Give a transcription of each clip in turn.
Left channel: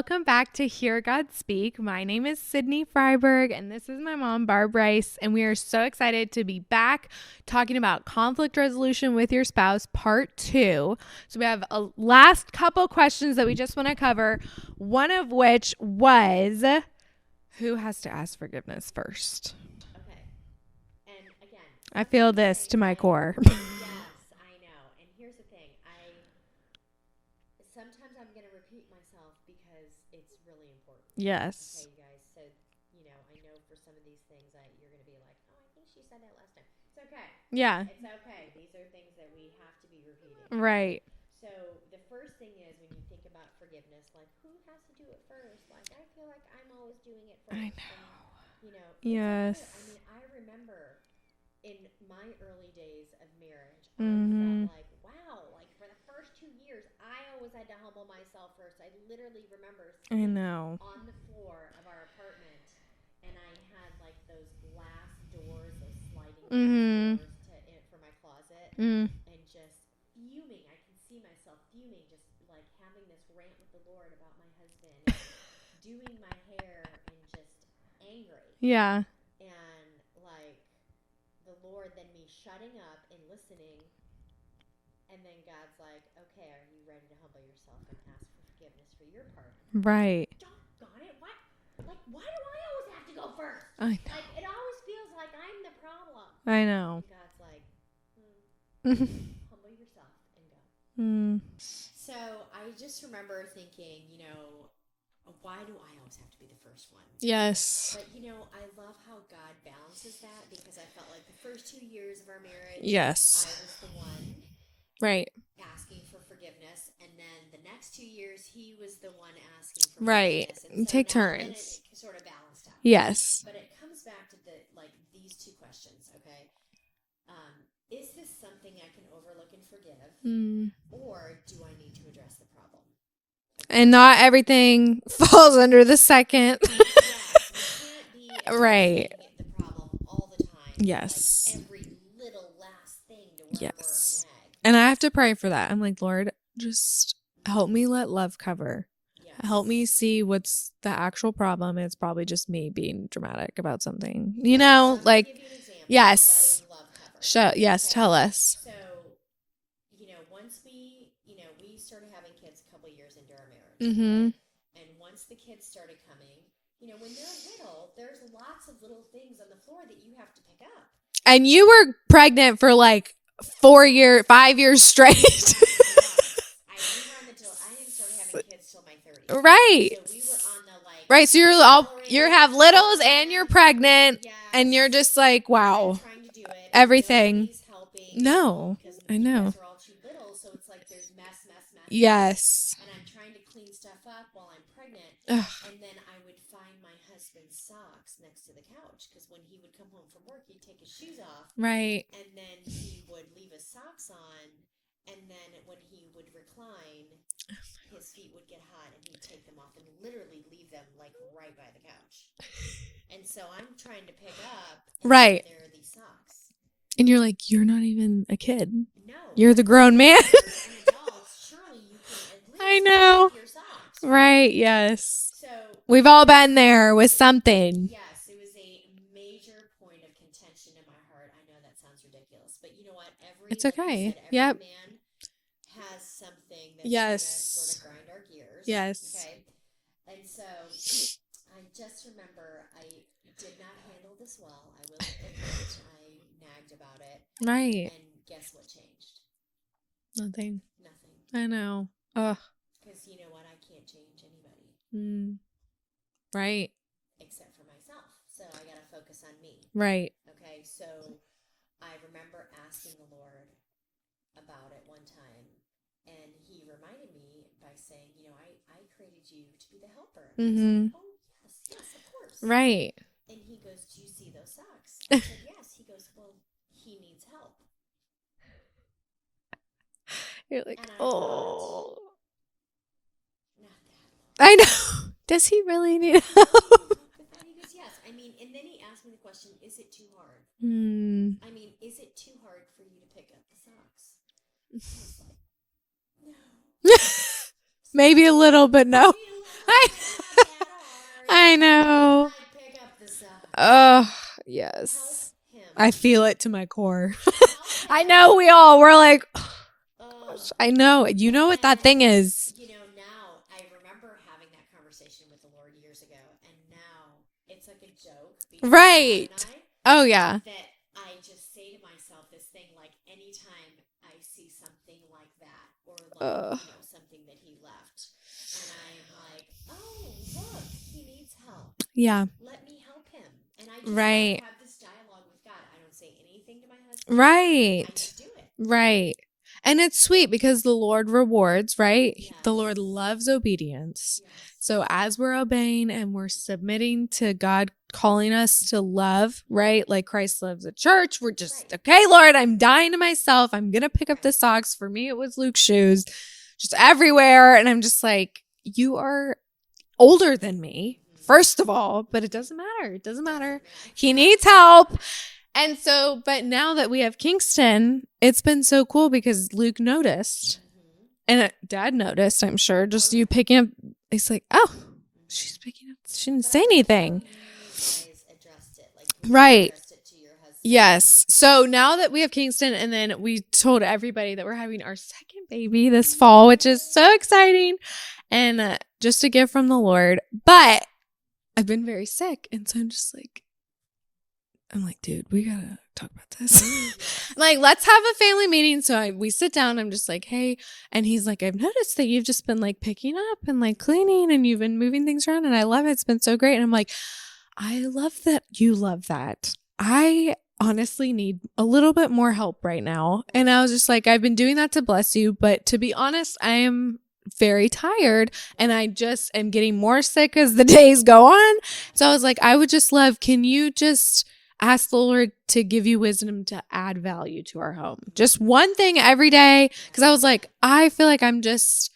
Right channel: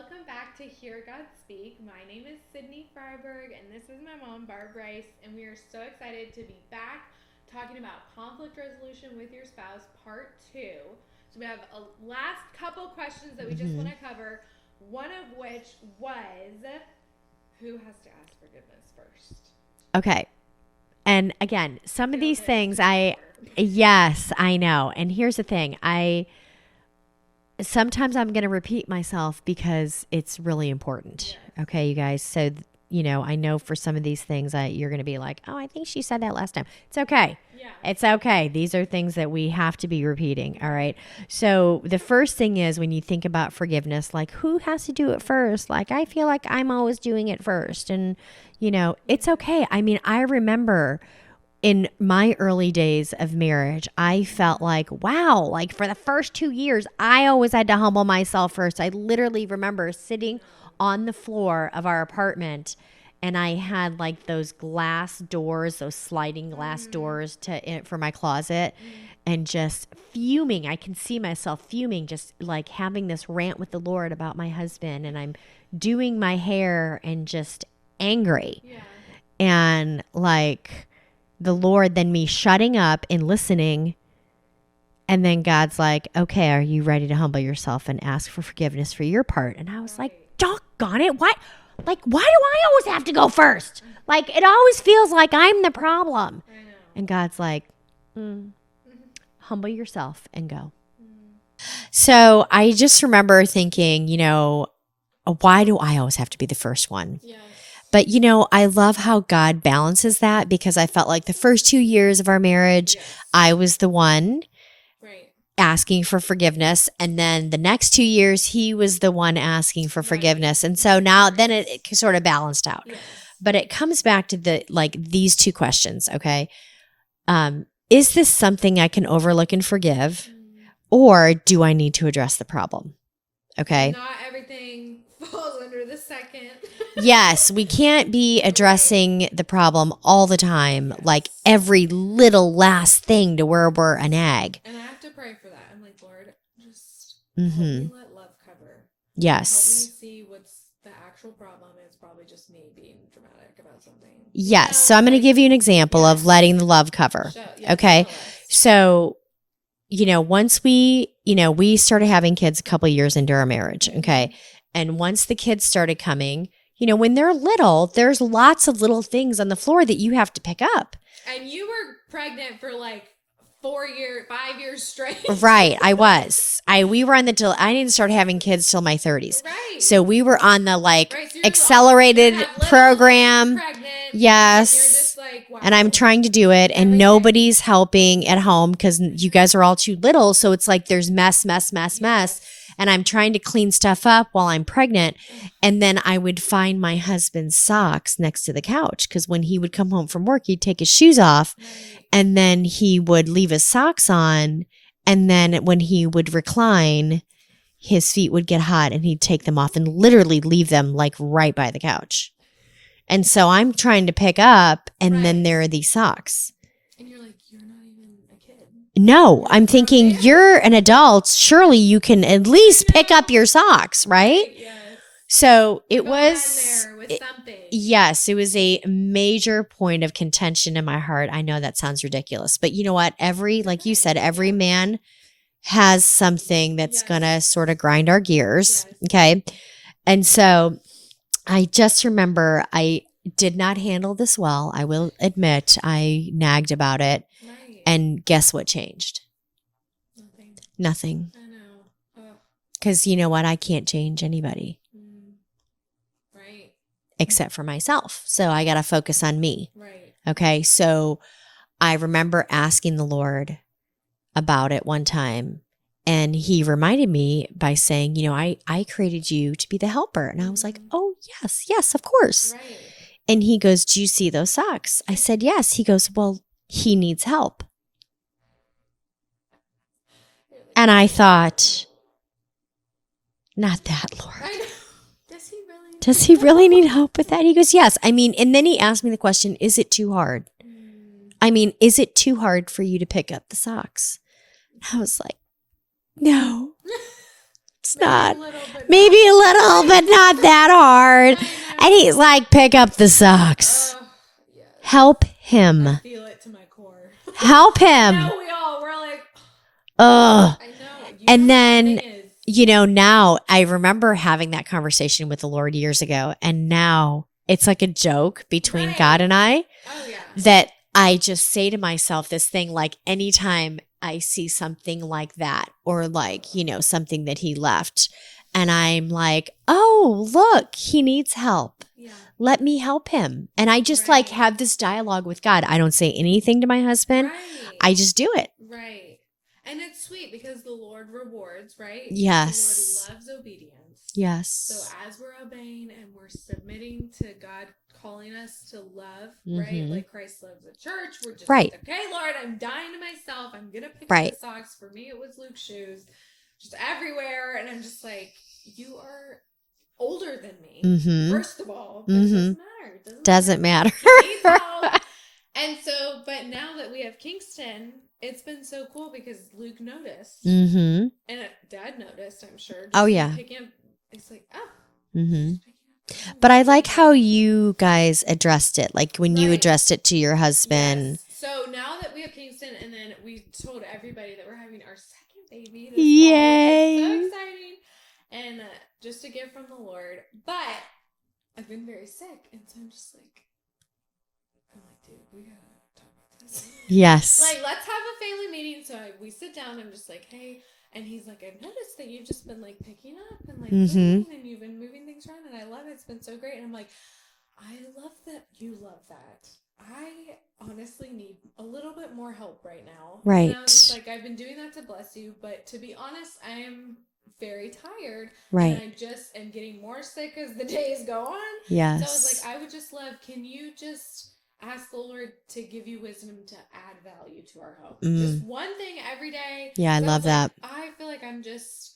welcome back to Hear God Speak. My name is Sydney Freiberg, and this is my mom, Barb Rice, and we are so excited to be back talking about conflict resolution with your spouse, part 2. So we have a last couple questions that we just want to cover, one of which was, who has to ask forgiveness first? Okay. And again, some of these things core. Yes, I know. And here's the thing. Sometimes I'm going to repeat myself because it's really important. Yes. Okay, you guys. So, I know for some of these things you're going to be like, oh, I think she said that last time. It's okay. Yeah. It's okay. These are things that we have to be repeating. Right. All right. So the first thing is when you think about forgiveness, like who has to do it first? Like, I feel like I'm always doing it first. And, it's okay. I mean, I remember in my early days of marriage, I felt like, wow, like for the first 2 years, I always had to humble myself first. I literally remember sitting on the floor of our apartment, and I had like those glass doors, those sliding glass doors for my closet, and just fuming. I can see myself fuming, just like having this rant with the Lord about my husband, and I'm doing my hair and just angry. Yeah. And like the Lord, then me shutting up and listening. And then God's like, okay, are you ready to humble yourself and ask for forgiveness for your part? And I was like, doggone it. Why do I always have to go first? Like, it always feels like I'm the problem. I know. And God's like, humble yourself and go. So I just remember thinking, why do I always have to be the first one? Yes. But, I love how God balances that, because I felt like the first 2 years of our marriage, I was the one asking for forgiveness. And then the next 2 years, he was the one asking for forgiveness. And so now then it sort of balanced out. Yes. But it comes back to these two questions. Okay. Is this something I can overlook and forgive? Or do I need to address the problem? Okay. And not everything falls under the second. Yes, we can't be addressing the problem all the time, like every little last thing to where we're a nag. And I have to pray for that. I'm like, Lord, just help me let love cover. Yes. Help me see what's the actual problem. It's probably just me being dramatic about something. Yes. So I'm going to give you an example of letting the love cover. Okay. Tell us. So, once we started having kids a couple of years into our marriage. Okay. And once the kids started coming, when they're little, there's lots of little things on the floor that you have to pick up. And you were pregnant for like 5 years straight. Right. I was. We were on I didn't start having kids till my 30s. Right. So we were on the so you're accelerated you have littles program. And you're pregnant. Yes. And you're just like, wow. And I'm trying to do it. Everything. And nobody's helping at home because you guys are all too little. So it's like there's mess. And I'm trying to clean stuff up while I'm pregnant. Ugh. And then I would find my husband's socks next to the couch, because when he would come home from work, he'd take his shoes off. Right. And then he would leave his socks on. And then when he would recline, his feet would get hot and he'd take them off and literally leave them like right by the couch. And so I'm trying to pick up, and then there are these socks. And you're like, you're not even a kid. No, I'm thinking man. You're an adult. Surely you can at least pick up your socks, right? Yes. So we've all been there with something. Yes, it was a major point of contention in my heart. I know that sounds ridiculous, but you know what? Like you said, every man has something that's going to sort of grind our gears. Yes. Okay. And so I just remember I did not handle this well. I will admit I nagged about it. Right. And guess what changed? Nothing. I know. Ugh. Because you know what? I can't change anybody. Right. Except for myself. So I got to focus on me. Right. Okay. So I remember asking the Lord about it one time, and he reminded me by saying, I created you to be the helper. And I was like, oh, yes, of course. Right. And he goes, do you see those socks? I said, yes. He goes, well, he needs help. You're like, and I thought, not that, Lord. I know. Does he really need help with that? He goes, yes. I mean, and then he asked me the question, is it too hard? I mean, is it too hard for you to pick up the socks? I was like, no. Maybe a little, but no. Maybe a little, but not that hard. I know. And he's like, pick up the socks. Oh, yes. Help him. I feel it to my core. Help him. I know we're like, ugh. I know. You And know what that then, thing is. You know, now I remember having that conversation with the Lord years ago. And now it's like a joke between God and I. Oh, yeah. That I just say to myself this thing, like anytime I see something like that or like, you know, something that he left and I'm like, oh, look, he needs help. Yeah. Let me help him. And I just like have this dialogue with God. I don't say anything to my husband. Right. I just do it. Right. And it's sweet because the Lord rewards, right? Yes. The Lord loves obedience. Yes. So as we're obeying and we're submitting to God calling us to love, right? Like Christ loves the church. We're just, okay, Lord, I'm dying to myself. I'm going to pick up the socks. For me, it was Luke's shoes just everywhere. And I'm just like, you are older than me, first of all, but it doesn't matter. It doesn't matter. He needs help. And so, but now that we have Kingston, it's been so cool because Luke noticed and Dad noticed, I'm sure, just you picking up. He's like, oh, she's picking up. But I like how you guys addressed it, like when you addressed it to your husband. Yes. So now that we have Kingston, and then we told everybody that we're having our second baby this fall, which is so exciting. And just a gift from the Lord. But I've been very sick. And so I'm like, dude, we got to talk about this. Yes. Like, let's have a family meeting. So we sit down. I'm just like, hey. And he's like, I've noticed that you've just been like picking up and like cleaning and you've been moving things around. And I love it. It's been so great. And I'm like, I love that you love that. I honestly need a little bit more help right now. Right. And I was just like, I've been doing that to bless you. But to be honest, I am very tired and I just am getting more sick as the days go on. Yes. So I was like, I would just love, can you just ask the Lord to give you wisdom to add value to our home? Just one thing every day. Yeah. Because I was like, I feel like I'm just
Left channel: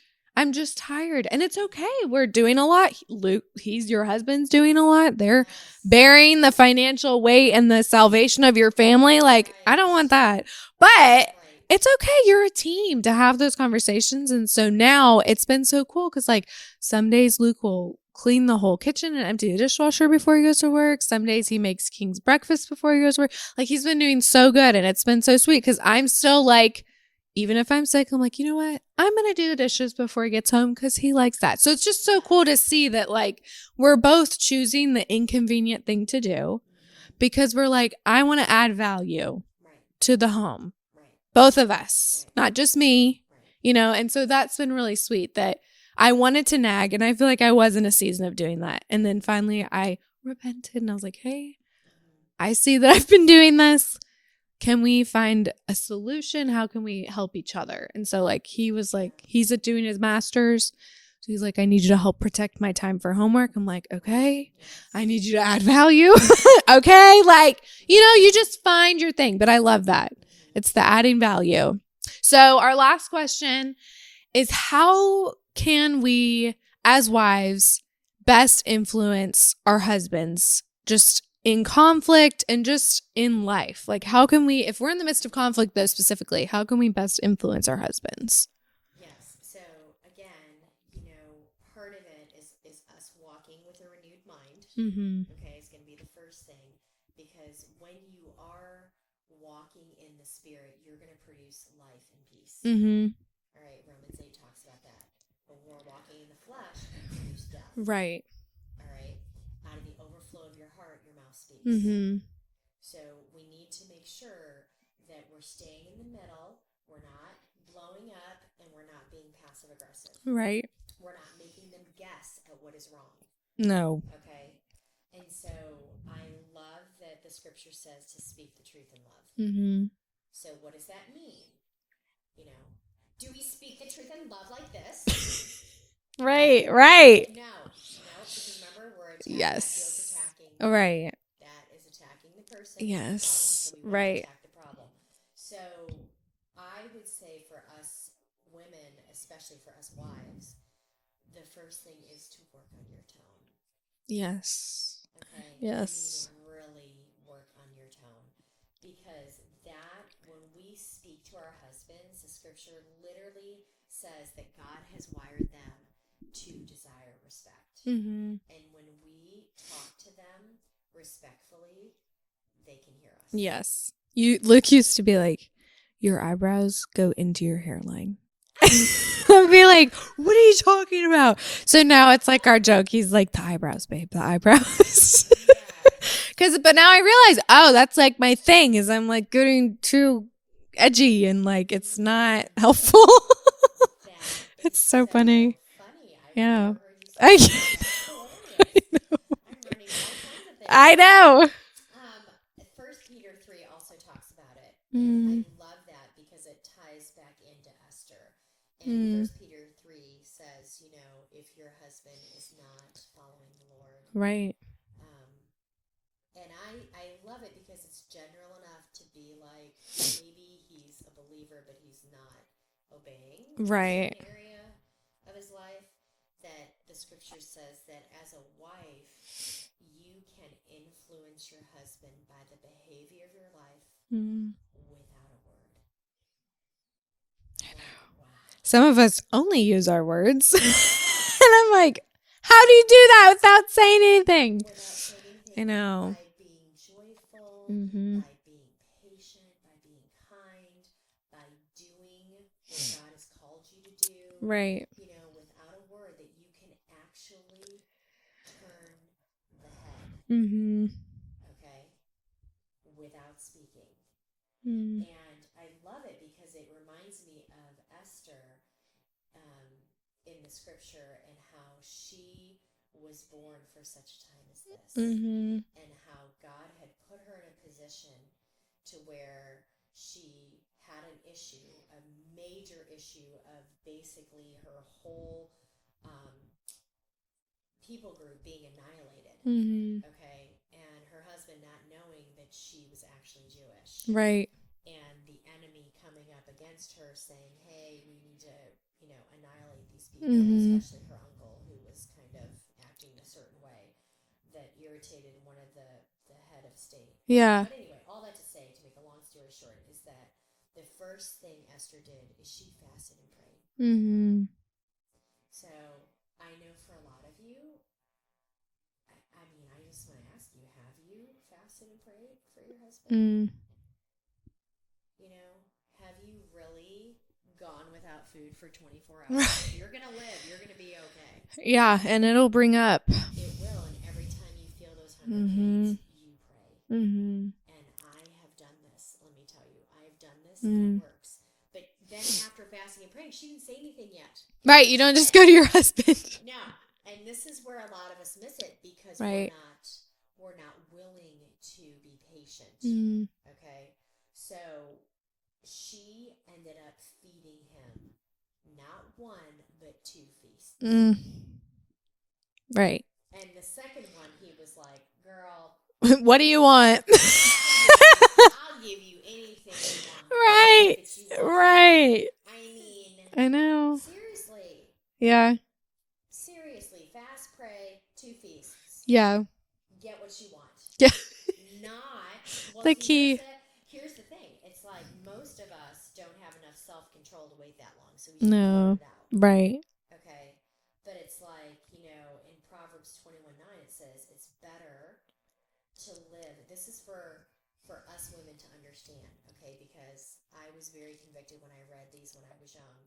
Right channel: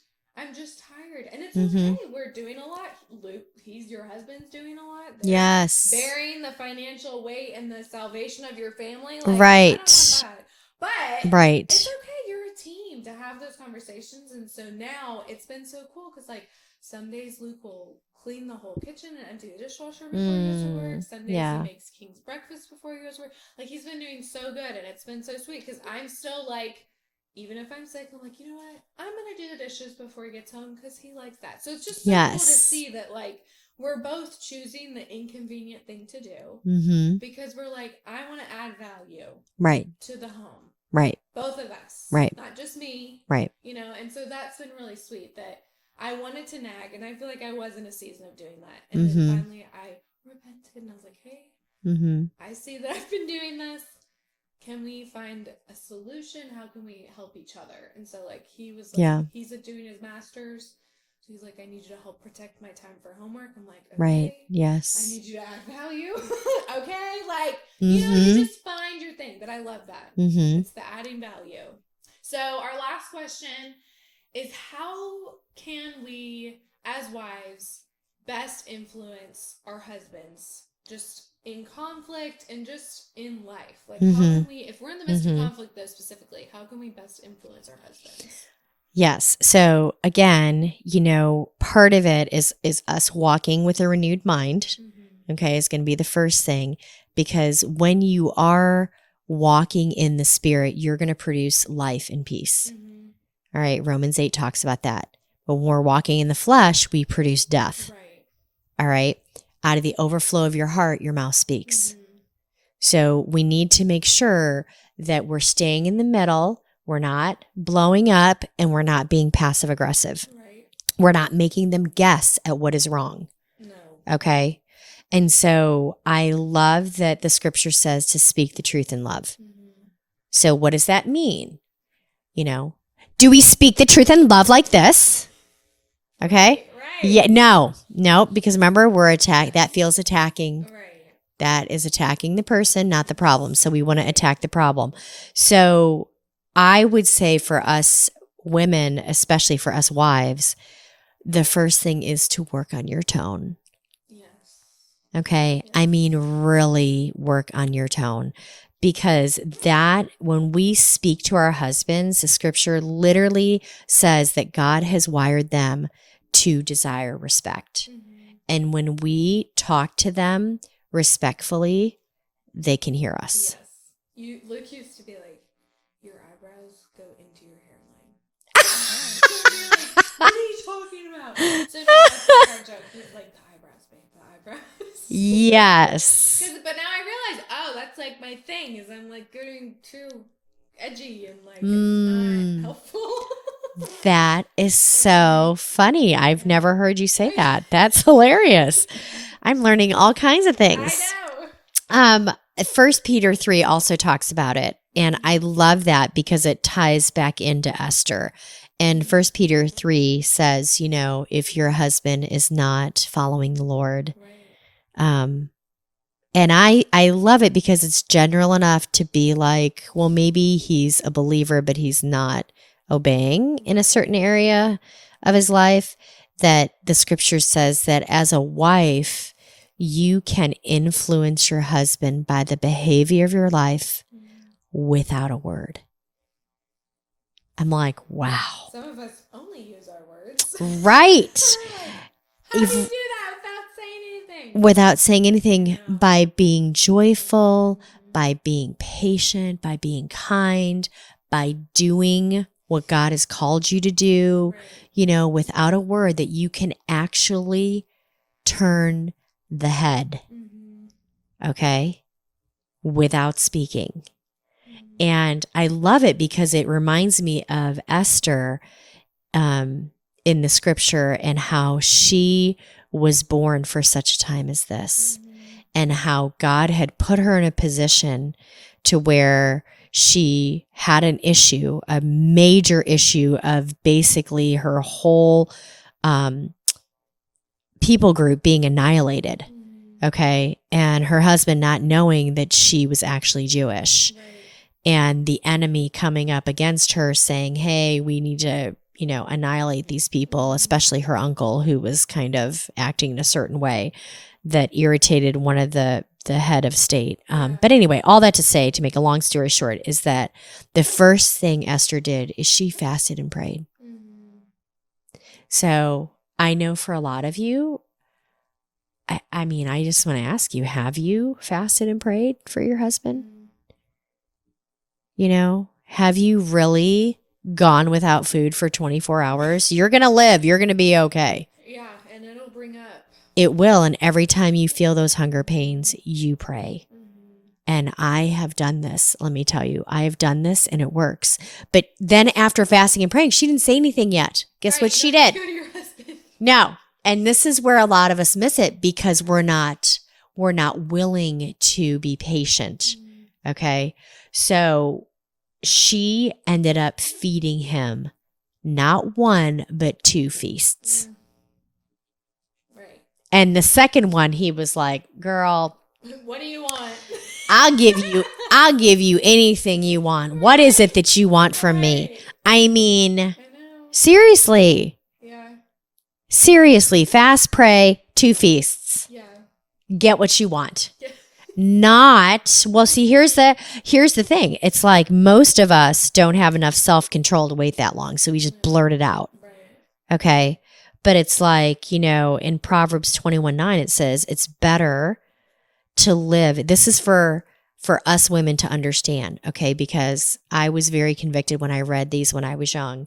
tired. And it's okay. We're doing a lot. Luke, your husband's doing a lot. They're bearing the financial weight and the salvation of your family. Like, I don't want that. But it's okay. You're a team to have those conversations. And so now it's been so cool because like some days Luke will clean the whole kitchen and empty the dishwasher before he goes to work. Some days he makes King's breakfast before he goes to work. Like he's been doing so good and it's been so sweet because I'm still like, even if I'm sick, I'm like, you know what? I'm going to do the dishes before he gets home because he likes that. So it's just so cool to see that like we're both choosing the inconvenient thing to do because we're like, I want to add value to the home. Right. Both of us. Right. Not just me. Right. You know, and so that's been really sweet that I wanted to nag and I feel like I was in a season of doing that. And then finally I repented and I was like, hey, I see that I've been doing this. Can we find a solution? How can we help each other? And so like he was like, he's doing his master's. So he's like, I need you to help protect my time for homework. I'm like, okay. Yes. I need you to add value. Okay. Like, you know, you just find your thing. But I love that. It's the adding value. So our last question is, how can we as wives best influence our husbands just in conflict and just in life? Like how can we, if we're in the midst of conflict though specifically, how can we best influence our husbands? Yes. So again, you know, part of it is us walking with a renewed mind. Okay. Is going to be the first thing, because when you are walking in the Spirit, you're going to produce life and peace. All right. Romans 8 talks about that. But when we're walking in the flesh, we produce death. Right. All right. Out of the overflow of your heart, your mouth speaks. So we need to make sure that we're staying in the middle. We're not blowing up and we're not being passive aggressive. Right. We're not making them guess at what is wrong. No. Okay. And so I love that the scripture says to speak the truth in love. So what does that mean? You know, do we speak the truth in love like this? Okay. Right. Yeah, no, because remember, we're attacked. That feels attacking. Right. That is attacking the person, not the problem. So we want to attack the problem. So I would say for us women, especially for us wives, the first thing is to work on your tone. Yes. Okay. Yes. I mean, really work on your tone, because that when we speak to our husbands, the scripture literally says that God has wired them to desire respect. Mm-hmm. And when we talk to them respectfully, they can hear us. Yes. Luke used to be like, your eyebrows go into your hairline. I'd be like, what are you talking about? So now it's like our joke. He's like, the eyebrows, babe, the eyebrows. Yes. But now I realize, oh, that's like my thing is I'm like getting too edgy and like it's not helpful. That is It's so so funny. I've Yeah. never heard you say that. That's hilarious. I'm learning all kinds of things. I know. 1 Peter 3 also talks about it. And I love that because it ties back into Esther. And 1 Peter 3 says, you know, if your husband is not following the Lord. Right. And I love it because it's general enough to be like, well, maybe he's a believer, but he's not obeying in a certain area of his life, that the scripture says that as a wife, you can influence your husband by the behavior of your life without a word. I'm like, wow. Some of us only use our words. Right. And I'm like, how do you do that without saying anything? Without saying anything, I know. by being joyful, by being patient, by being kind, by doing what God has called you to do, Right. you know, without a word, that you can actually turn the head, okay, without speaking. And I love it because it reminds me of Esther in the scripture and how she was born for such a time as this, and how God had put her in a position to where she had an issue, a major issue of basically her whole people group being annihilated. Okay. And her husband not knowing that she was actually Jewish. Right. And the enemy coming up against her saying, hey, we need to, you know, annihilate these people, especially her uncle, who was kind of acting in a certain way that irritated one of the head of state. But anyway, all that to say, to make a long story short, is that the first thing Esther did is she fasted and prayed. So I know for a lot of you, I mean, I just want to ask you, have you fasted and prayed for your husband? You know, have you really gone without food for 24 hours? You're going to live. You're going to be okay. Yeah. And it'll bring up. It will. And every time you feel those hunger pains, you pray. And I have done this. Let me tell you, I have done this and it works. But then after fasting and praying, she didn't say anything yet. Guess what you she don't did? just go to your husband. No. And this is where a lot of us miss it because we're not willing to be patient. Okay. So she ended up feeding him not one, but 2 feasts. Right. And the second one, he was like, girl, what do you want? I'll give you anything you want. Right. What is it that you want from me? I mean, I know. Seriously. Yeah. Seriously, fast, pray, 2 feasts. Yeah. Get what you want. Yeah. Not, well, Like see, here's the thing. It's like most of us don't have enough self-control to wait that long. So we just blurt it out. Right. Okay. But it's like, you know, in Proverbs 21:9, it says it's better to live. This is for us women to understand. Okay. Because I was very convicted when I read these when I was young.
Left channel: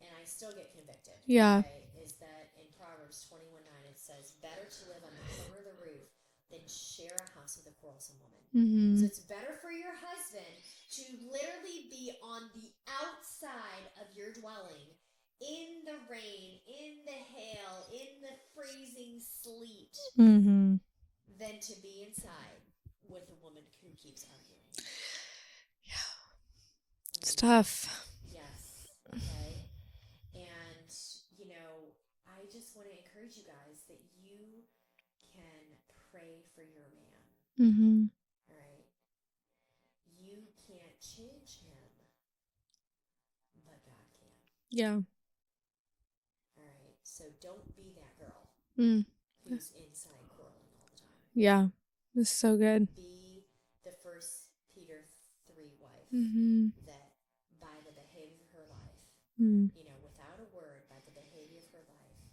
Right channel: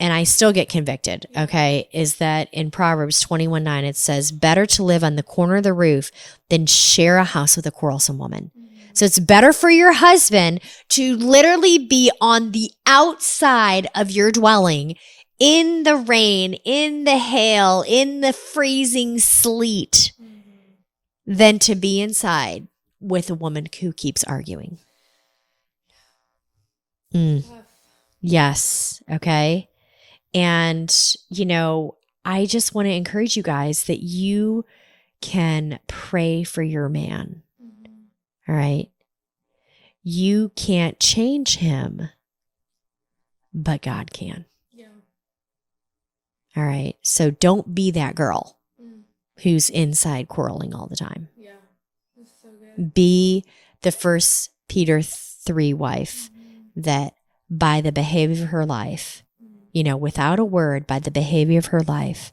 And I still get convicted, okay, is that in Proverbs 21:9, it says, better to live on the corner of the roof than share a house with a quarrelsome woman. So it's better for your husband to literally be on the outside of your dwelling in the rain, in the hail, in the freezing sleet, than to be inside with a woman who keeps arguing. It's tough. Yes, okay. And, you know, I just want to encourage you guys that you can pray for your man. All right. You can't change him, but God can. Yeah. All right. So don't be that girl who's inside quarreling all the time. Yeah. This is so good. Be the first Peter 3 wife that by the behavior of her life, you know, without a word, by the behavior of her life,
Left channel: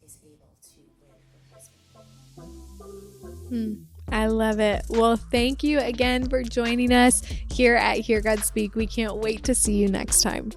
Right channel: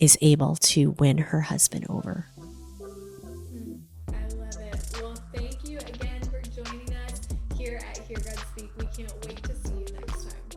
is able to win her husband over. I love it. Well, thank you again for joining us here at Hear God Speak. We can't wait to see you next time.